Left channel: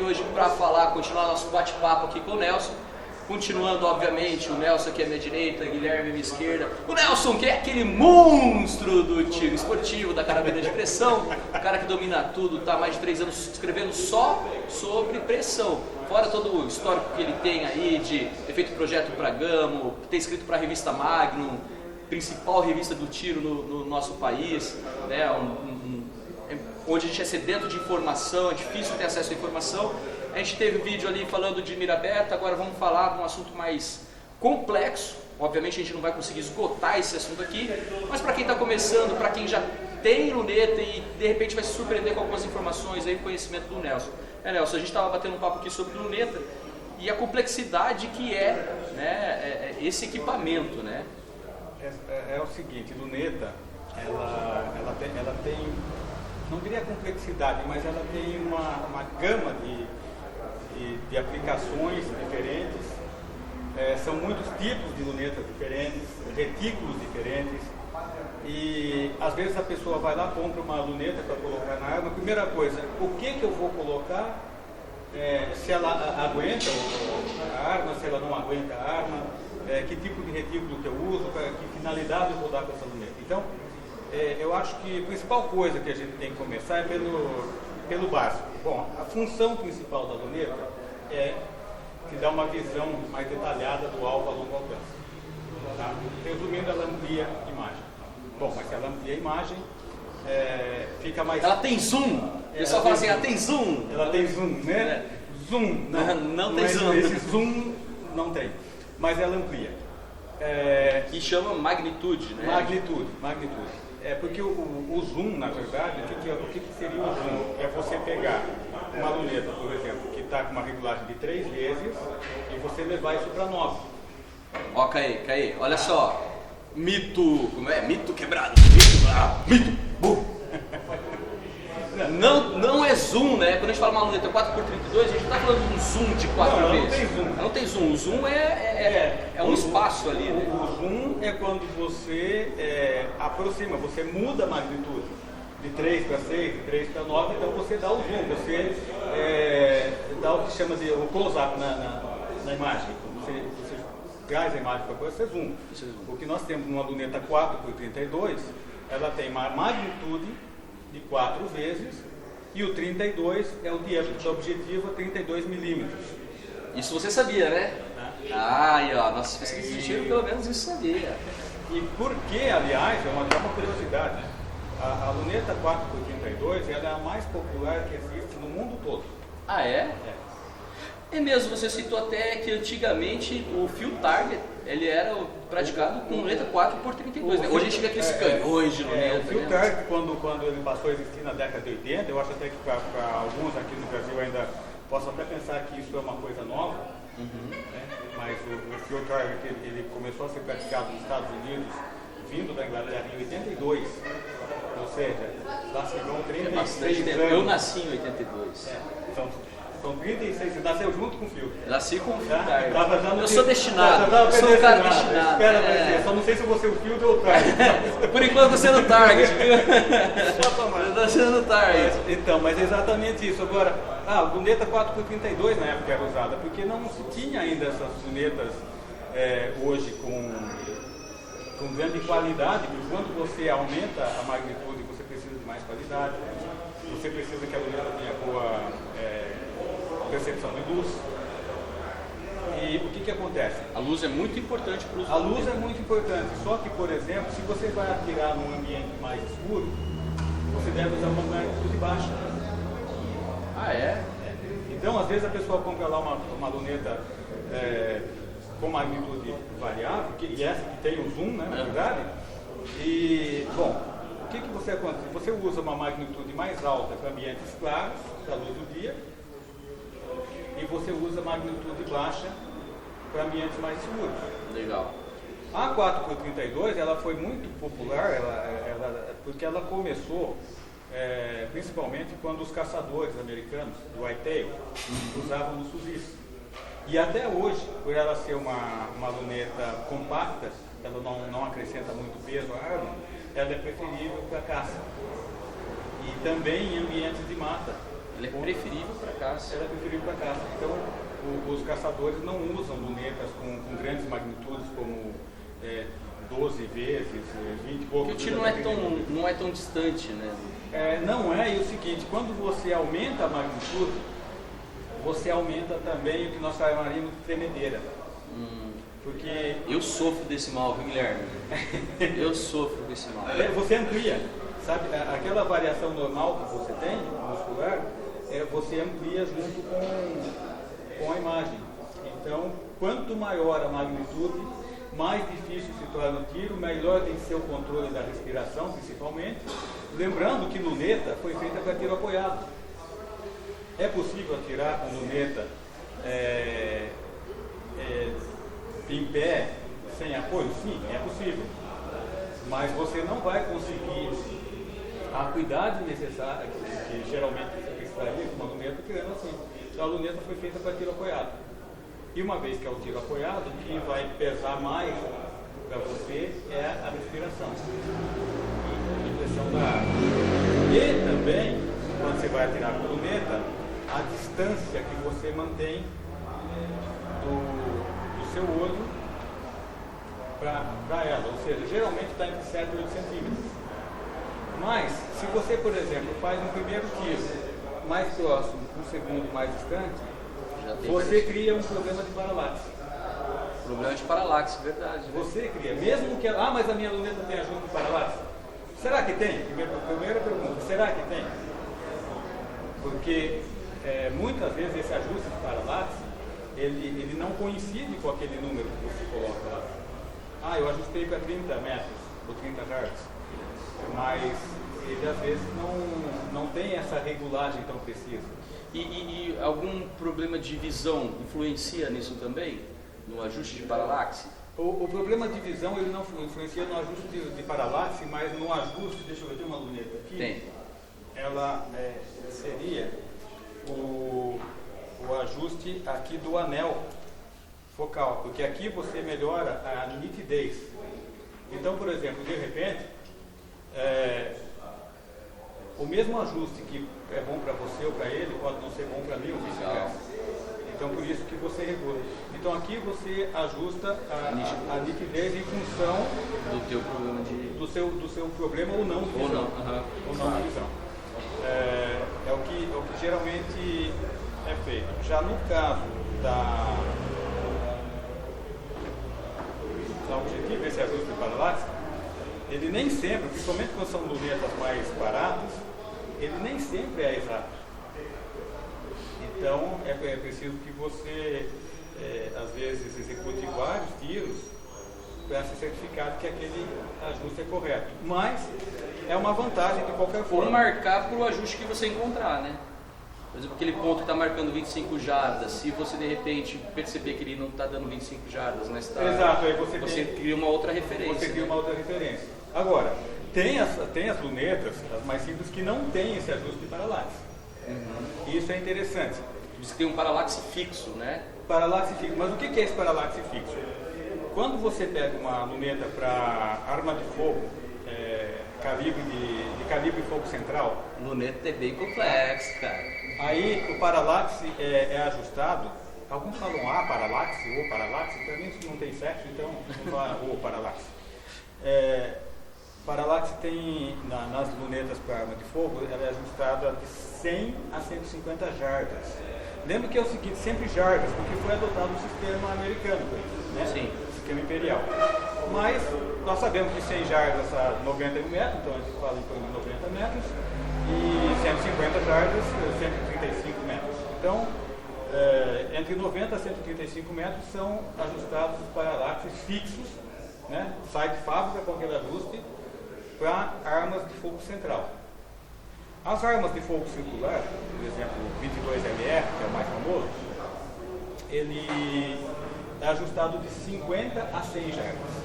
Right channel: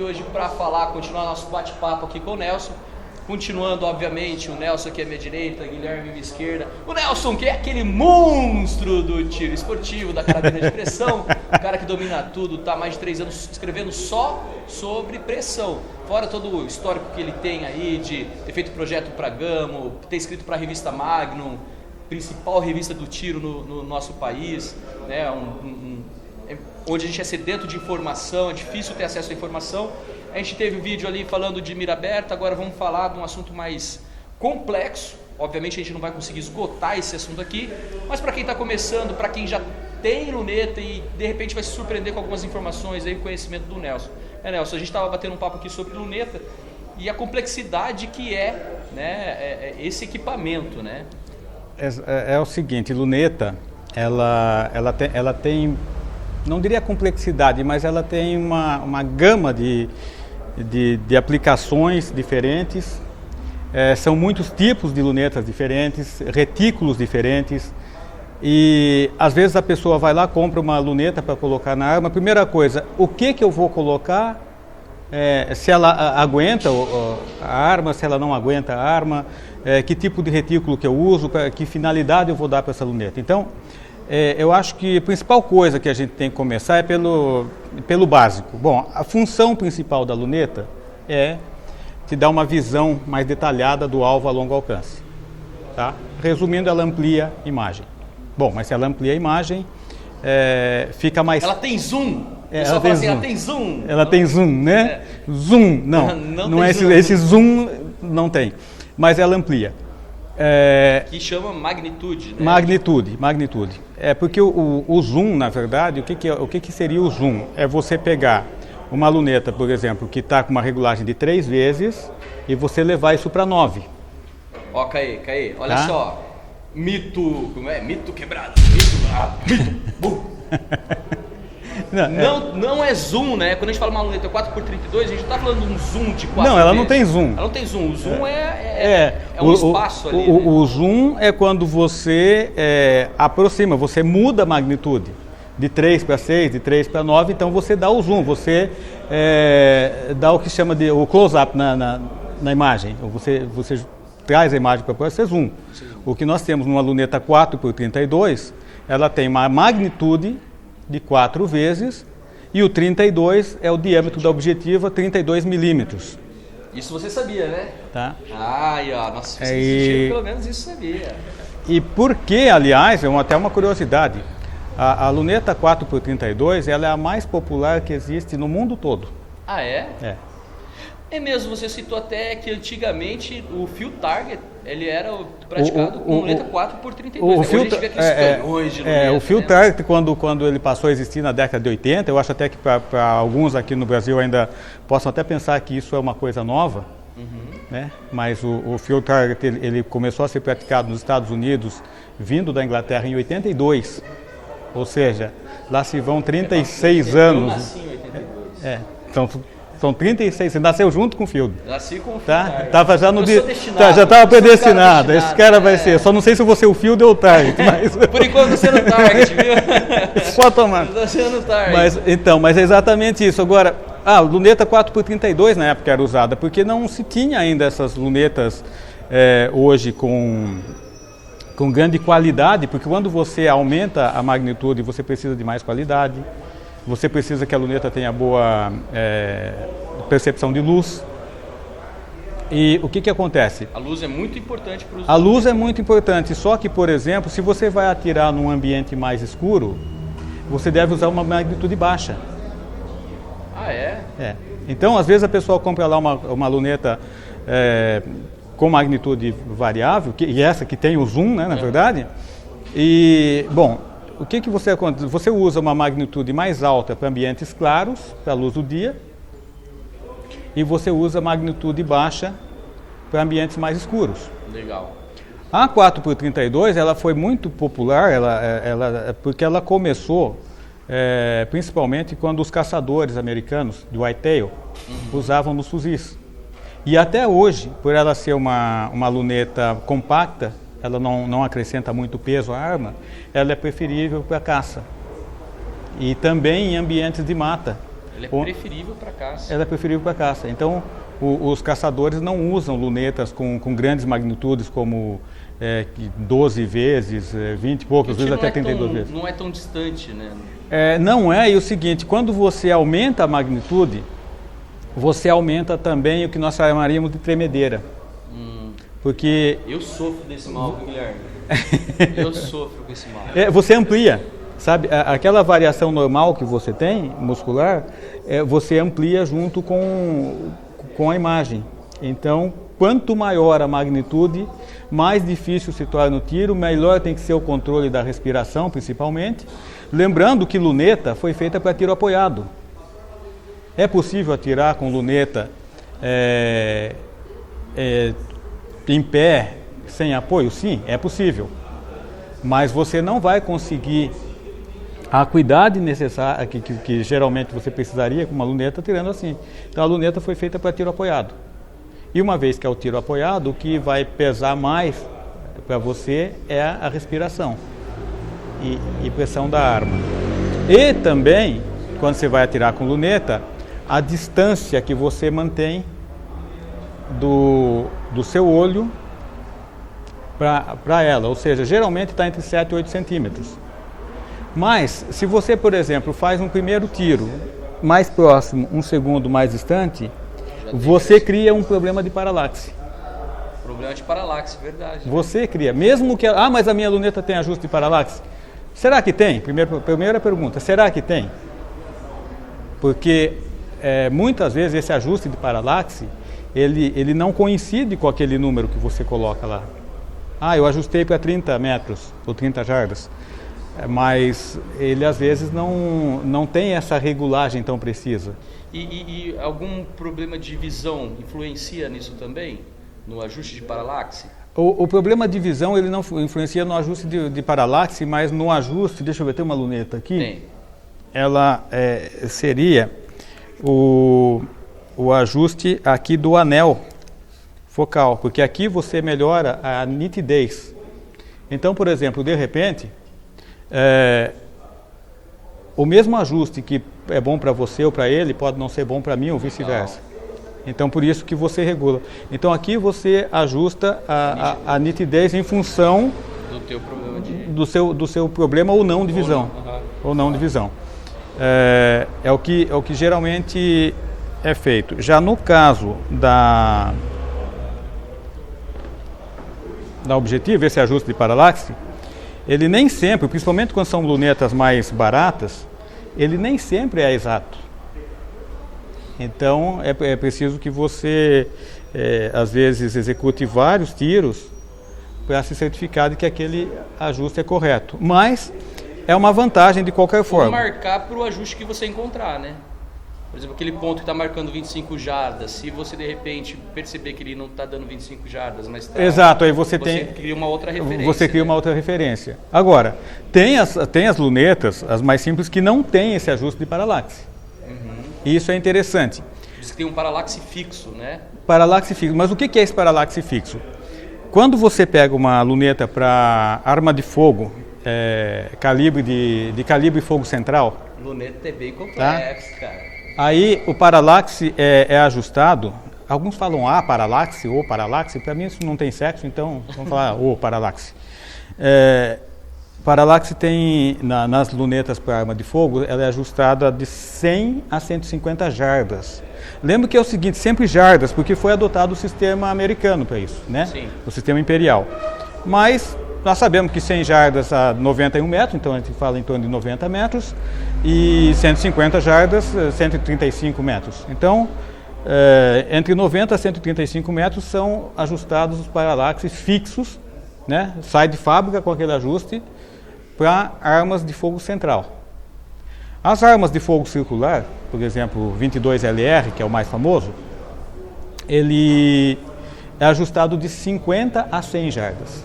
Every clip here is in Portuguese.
aqui hoje para continuar nosso bate-papo aqui com o Nelson. Continuando, obviamente, o Nelson aqui à minha direita, Guilherme à minha esquerda. O Nelson, que é aquele monstro do tiro esportivo, da carabina de pressão, o cara que domina tudo, tá há mais de 3 anos escrevendo só sobre pressão. Fora todo o histórico que ele tem aí de ter feito projeto para Gamo, ter escrito para a revista Magnum, principal revista do tiro no nosso país, né? Onde a gente é sedento de informação, é difícil ter acesso à informação. A gente teve um vídeo ali falando de mira aberta, agora vamos falar de um assunto mais complexo. Obviamente a gente não vai conseguir esgotar esse assunto aqui, mas para quem está começando, para quem já tem luneta e de repente vai se surpreender com algumas informações aí, conhecimento do Nelson. Nelson, a gente estava batendo um papo aqui sobre luneta e a complexidade que né, esse equipamento, né? É o seguinte, luneta, ela tem, não diria complexidade, mas ela tem uma gama de aplicações diferentes. São muitos tipos de lunetas diferentes, retículos diferentes, e às vezes a pessoa vai lá, compra uma luneta para colocar na arma. Primeira coisa, o que eu vou colocar, se ela aguenta a arma, se ela não aguenta a arma, que tipo de retículo que eu uso, que finalidade eu vou dar para essa luneta. Então, eu acho que a principal coisa que a gente tem que começar é pelo básico. Bom, a função principal da luneta é te dar uma visão mais detalhada do alvo a longo alcance. Tá? Resumindo, ela amplia a imagem. Bom, mas se ela amplia a imagem, fica mais... Ela tem zoom? Ela tem zoom? Ela tem zoom, né? Zoom, não é zoom. Esse zoom não tem, mas ela amplia. Que chama magnitude, né? Magnitude. Porque o zoom, na verdade, o que seria o zoom? É você pegar uma luneta, por exemplo, que está com uma regulagem de 3 vezes e você levar isso para 9. Ó, Caí, olha só. Mito, como é? Mito quebrado. Mito. Não é zoom, né? Quando a gente fala uma luneta 4x32, a gente não está falando de um zoom de 4 Não, ela não tem zoom. Ela não tem zoom. O zoom é um espaço ali. O zoom é quando você aproxima, você muda a magnitude de 3 para 6, de 3 para 9, então você dá o zoom, você dá o que chama de o close-up na imagem. Você traz a imagem para você zoom. Sim. O que nós temos numa luneta 4x32, ela tem uma magnitude de 4 vezes e o 32 é o diâmetro da objetiva, 32 milímetros. Isso você sabia, né? Tá. Nossa, pelo menos isso sabia. E por que, aliás, até uma curiosidade, a luneta 4x32 ela é a mais popular que existe no mundo todo. Ah, é? É mesmo, você citou até que antigamente o field target, ele era praticado com luneta 4x32. Hoje a gente vê aqueles canhões de luneta. O field target, quando ele passou a existir na década de 80, eu acho até que para alguns aqui no Brasil ainda possam até pensar que isso é uma coisa nova, né? Mas o field target ele começou a ser praticado nos Estados Unidos, vindo da Inglaterra em 82, ou seja, lá se vão 36 anos. Eu nasci em 82. São 36, você nasceu junto com o field. Nasci com o field. Tá? Tava já no dia. Já estava predestinado. Esse cara vai ser. Só não sei se você é o field ou o target. Mas... Por enquanto você é no target, viu? Pode tomar. Eu tô sendo no target. Mas é exatamente isso. Agora, a luneta 4x32 na época era usada, porque não se tinha ainda essas lunetas hoje com grande qualidade, porque quando você aumenta a magnitude, você precisa de mais qualidade. Você precisa que a luneta tenha boa percepção de luz. E o que acontece? A luz é muito importante para os... A luz é muito importante, só que, por exemplo, se você vai atirar num ambiente mais escuro, você deve usar uma magnitude baixa. Ah, é? Então, às vezes a pessoa compra lá uma luneta com magnitude variável, e essa que tem o zoom, né, na verdade, e, bom... O que você acontece? Você usa uma magnitude mais alta para ambientes claros, para a luz do dia, e você usa magnitude baixa para ambientes mais escuros. Legal. A 4x32 ela foi muito popular, porque ela começou principalmente quando os caçadores americanos do whitetail usavam nos fuzis. E até hoje, por ela ser uma luneta compacta, ela não acrescenta muito peso à arma, ela é preferível para caça. E também em ambientes de mata, Ela é preferível para caça. Ela é preferível para caça. Então, os caçadores não usam lunetas com grandes magnitudes como 12 vezes, 20 e poucas vezes, até 32 vezes. Não é tão distante, né? Não é, e o seguinte, quando você aumenta a magnitude, você aumenta também o que nós chamaríamos de tremedeira. Porque... Eu sofro desse mal, Guilherme. Eu sofro com esse mal. Você amplia, sabe? Aquela variação normal que você tem, muscular, você amplia junto com a imagem. Então, quanto maior a magnitude, mais difícil se torna o tiro, melhor tem que ser o controle da respiração, principalmente. Lembrando que luneta foi feita para tiro apoiado. É possível atirar com luneta em pé, sem apoio? Sim, é possível. Mas você não vai conseguir a acuidade necessária que geralmente você precisaria com uma luneta tirando assim. Então a luneta foi feita para tiro apoiado. E uma vez que é o tiro apoiado, o que vai pesar mais para você é a respiração e pressão da arma. E também, quando você vai atirar com luneta, a distância que você mantém do seu olho para ela, ou seja, geralmente está entre 7 e 8 centímetros. Mas, se você, por exemplo, faz um primeiro tiro mais próximo, um segundo mais distante, você cria um problema de paralaxe. Problema de paralaxe, verdade. Você cria, mesmo que... mas a minha luneta tem ajuste de paralaxe. Será que tem? Primeira pergunta, será que tem? Porque muitas vezes esse ajuste de paralaxe, ele não coincide com aquele número que você coloca lá. Eu ajustei para 30 metros ou 30 jardas, mas ele às vezes não tem essa regulagem tão precisa. E algum problema de visão influencia nisso também? No ajuste de paralaxe? O problema de visão ele não influencia no ajuste de paralaxe, mas no ajuste, deixa eu ver, tem uma luneta aqui. Tem. Ela seria o ajuste aqui do anel focal, porque aqui você melhora a nitidez. Então, por exemplo, de repente, o mesmo ajuste que é bom para você ou para ele pode não ser bom para mim ou vice-versa. Então, por isso que você regula. Então, aqui você ajusta a nitidez em função do teu problema do seu problema ou não de visão. Ou não de visão. É o que geralmente é feito. Já no caso da Objetivo, esse ajuste de paralaxe, ele nem sempre, principalmente quando são lunetas mais baratas, ele nem sempre é exato. Então é preciso que você às vezes execute vários tiros para se certificar de que aquele ajuste é correto. Mas é uma vantagem de qualquer forma. Ou marcar para o ajuste que você encontrar, né? Por exemplo, aquele ponto que está marcando 25 jardas, se você de repente perceber que ele não está dando 25 jardas, mas está... Exato, aí você cria uma outra referência. Você cria uma outra referência. Agora, tem as lunetas, as mais simples, que não tem esse ajuste de paralaxe. E isso é interessante. Você tem um paralaxe fixo, né? Paralaxe fixo. Mas o que é esse paralaxe fixo? Quando você pega uma luneta para arma de fogo, calibre de calibre fogo central... Luneta é bem complexo, cara. Aí o paralaxe é ajustado, alguns falam paralaxe ou paralaxe, para mim isso não tem sexo, então vamos falar paralaxe. Paralaxe tem, nas lunetas para arma de fogo, ela é ajustada de 100 a 150 jardas. Lembra que é o seguinte, sempre jardas, porque foi adotado o sistema americano para isso, né? Sim. O sistema imperial. Mas nós sabemos que 100 jardas a 91 metros, então a gente fala em torno de 90 metros, e 150 jardas, 135 metros. Então, entre 90 a 135 metros são ajustados os paralaxes fixos, né? Sai de fábrica com aquele ajuste para armas de fogo central. As armas de fogo circular, por exemplo, o 22LR, que é o mais famoso, ele é ajustado de 50 a 100 jardas,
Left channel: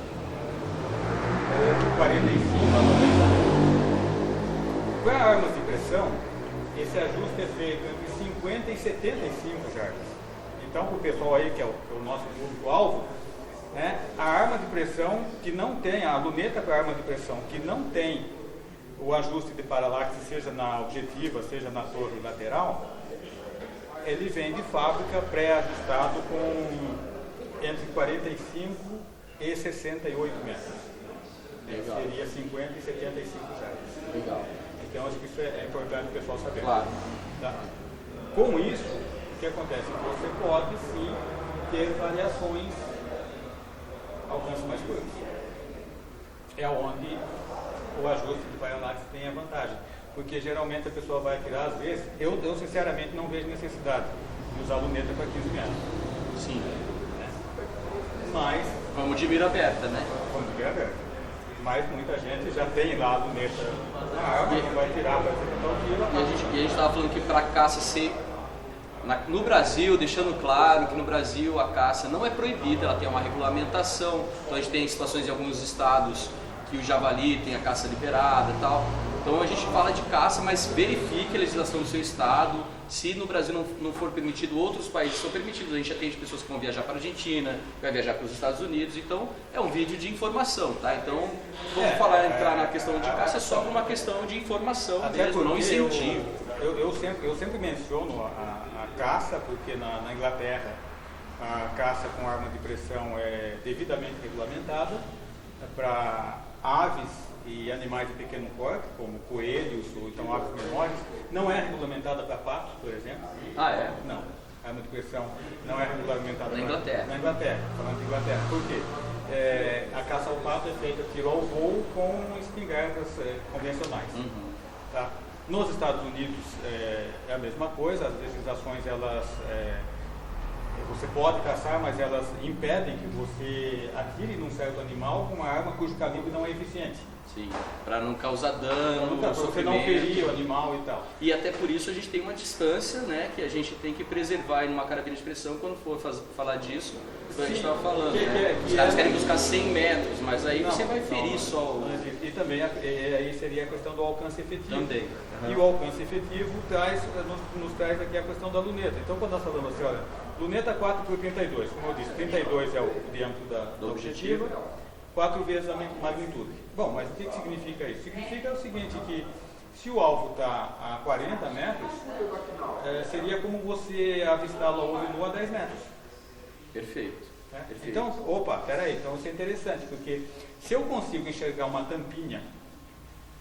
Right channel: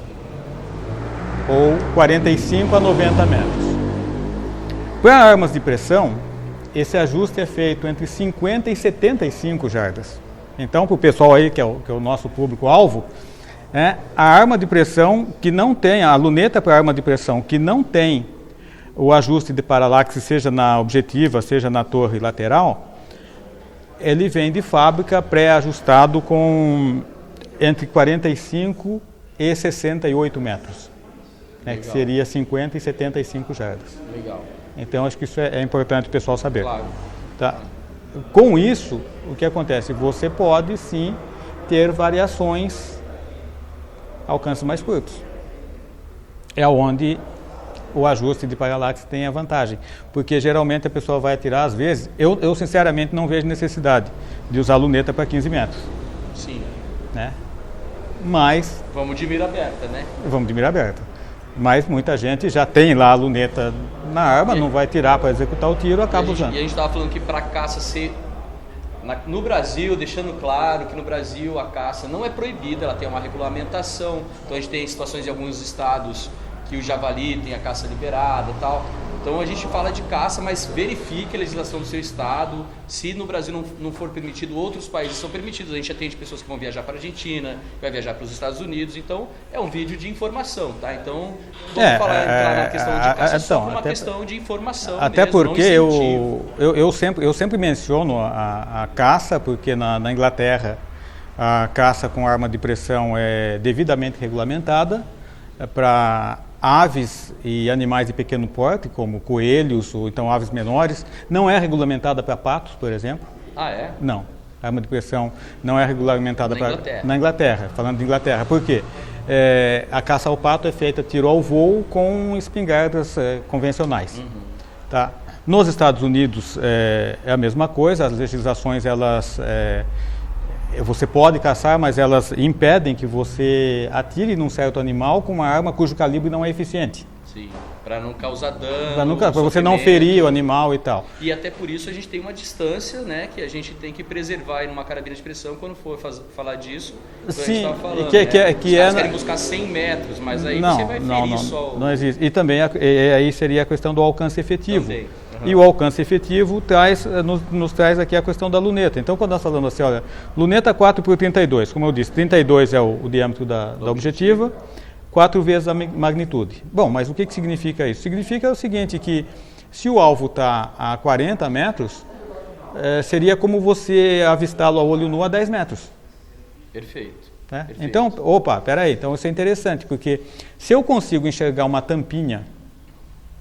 ou 45 a 90 metros. Para armas de pressão, esse ajuste é feito entre 50 e 75 jardas. Então, para o pessoal aí, que é o nosso público-alvo, a arma de pressão que não tem, a luneta para arma de pressão que não tem o ajuste de paralaxe, seja na objetiva, seja na torre lateral, ele vem de fábrica pré-ajustado com entre 45 e 68 metros, né, que seria 50 e 75 jardas. Legal. Então, acho que isso é importante o pessoal saber. Claro. Tá? Com isso, o que acontece? Você pode, sim, ter variações alcances mais curtos. É onde o ajuste de paralaxe tem a vantagem, porque geralmente a pessoa vai atirar, às vezes, eu sinceramente não vejo necessidade de usar luneta para 15 metros. Sim. Né? Mas... Vamos de mira aberta, né? Vamos de mira aberta. Mas muita gente já tem lá a luneta na arma, não vai tirar para executar o tiro, acaba usando. E a gente estava falando que para caça ser... No Brasil, deixando claro que no Brasil a caça não é proibida, ela tem uma regulamentação. Então a gente tem situações em alguns estados que o javali tem a caça liberada e tal. Então a gente fala de caça, mas verifique a legislação do seu estado. Se no Brasil não for permitido, outros países são permitidos. A gente atende pessoas que vão viajar para a Argentina, que vai viajar para os Estados Unidos. Então é um vídeo de informação, tá? Então vamos entrar na questão de caça só uma questão de informação. Até mesmo, porque eu sempre menciono a caça, porque na Inglaterra a caça com arma de pressão é devidamente regulamentada para aves e animais de pequeno porte, como coelhos ou então aves menores. Não é regulamentada para patos, por exemplo. Ah, é? Não. A arma de pressão não é regulamentada na Inglaterra, falando de Inglaterra. Por quê? A caça ao pato é feita tiro ao voo com espingardas convencionais. Uhum. Tá? Nos Estados Unidos é a mesma coisa, as legislações elas... você pode caçar, mas elas impedem que você atire num certo animal com uma arma cujo calibre não é eficiente. Sim, para não causar dano, para você não ferir o animal e tal. E até por isso a gente tem uma distância, né, que a gente tem que preservar em uma carabina de pressão quando for falar disso. Sim, falando, que os caras querem buscar 100 metros, mas aí você vai ferir só. Não existe. E também aí seria a questão do alcance efetivo. Também. E o alcance efetivo nos traz aqui a questão da luneta. Então, quando nós falamos assim, olha, luneta 4 por 32, como eu disse, 32 é o diâmetro da objetiva, 4 vezes a magnitude. Bom, mas o que significa isso? Significa o seguinte, que se o alvo está a 40 metros, seria como você avistá-lo a olho nu a 10 metros. Perfeito. Perfeito. Então, peraí, então isso é interessante, porque se eu consigo enxergar uma tampinha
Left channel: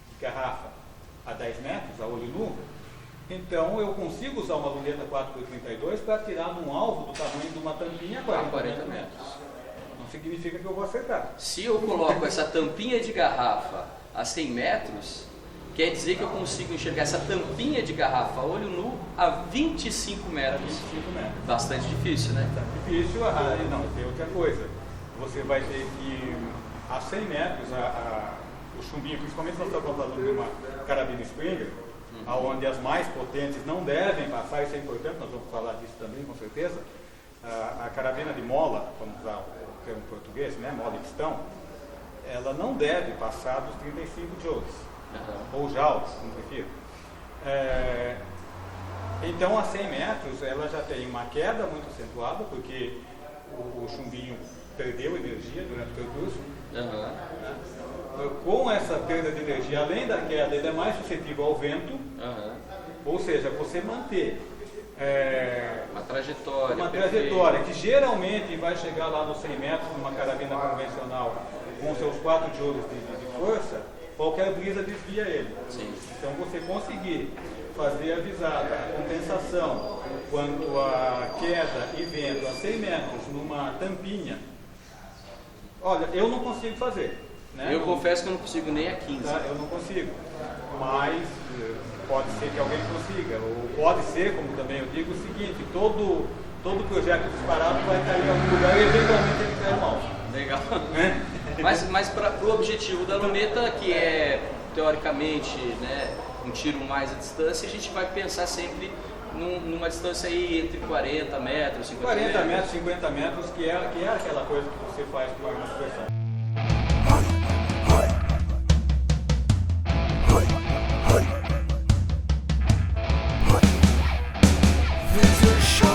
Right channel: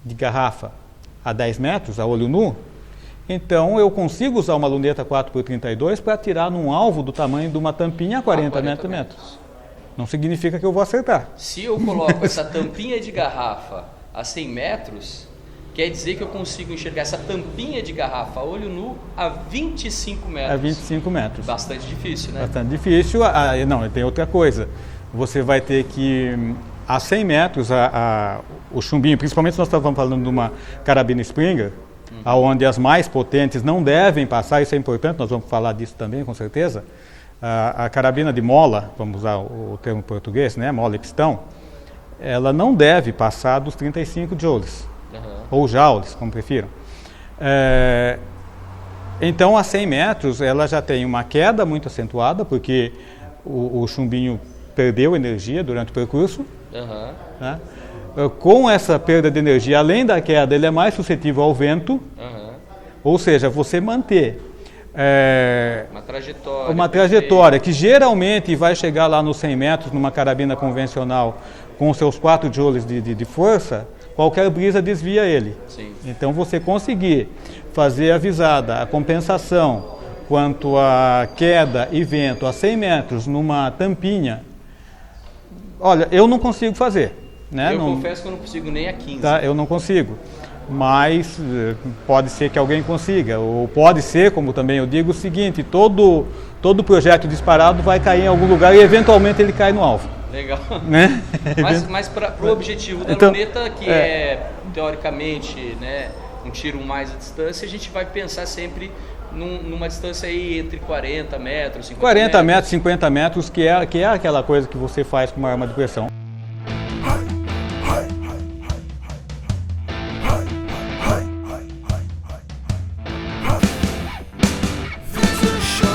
de garrafa a 10 metros, a olho nu, então eu consigo usar uma luneta 4x32 para atirar num alvo do tamanho de uma tampinha a 40 metros. Não significa que eu vou acertar. Se eu coloco essa tampinha de garrafa a 100 metros, quer dizer que eu consigo enxergar essa tampinha de garrafa a olho nu a 25 metros. A 25 metros. Bastante difícil, né? Bastante difícil. Não, tem outra coisa. Você vai ter que, a 100 metros, o chumbinho, principalmente se nós estávamos falando de uma carabina Springer, onde as mais potentes não devem passar, isso é importante, nós vamos falar disso também, com certeza. A carabina de mola, vamos usar o termo português, né, mola e pistão, ela não deve passar dos 35 joules, ou joules, como prefiram. Então, a 100 metros, ela já tem uma queda muito acentuada, porque o chumbinho perdeu energia durante o percurso, né? Com essa perda de energia, além da queda, ele é mais suscetível ao vento, ou seja, você manter uma trajetória que geralmente vai chegar lá nos 100 metros numa carabina convencional com seus 4 joules de força, qualquer brisa desvia ele. Sim. Então você conseguir fazer a visada, a compensação quanto a queda e vento a 100 metros numa tampinha, olha, eu não consigo fazer. Né? Eu confesso que eu não consigo nem a 15. Tá, eu não consigo, mas pode ser que alguém consiga, ou pode ser, como também eu digo, o seguinte, todo projeto disparado vai cair em algum lugar e eventualmente ele cai no alvo. Legal. Né? Mas para o objetivo da luneta, que é teoricamente, né, um tiro mais à distância, a gente vai pensar sempre numa distância aí entre 40 metros, 50 40 metros, 50 metros, que é aquela coisa que você faz com uma arma de pressão. There's a show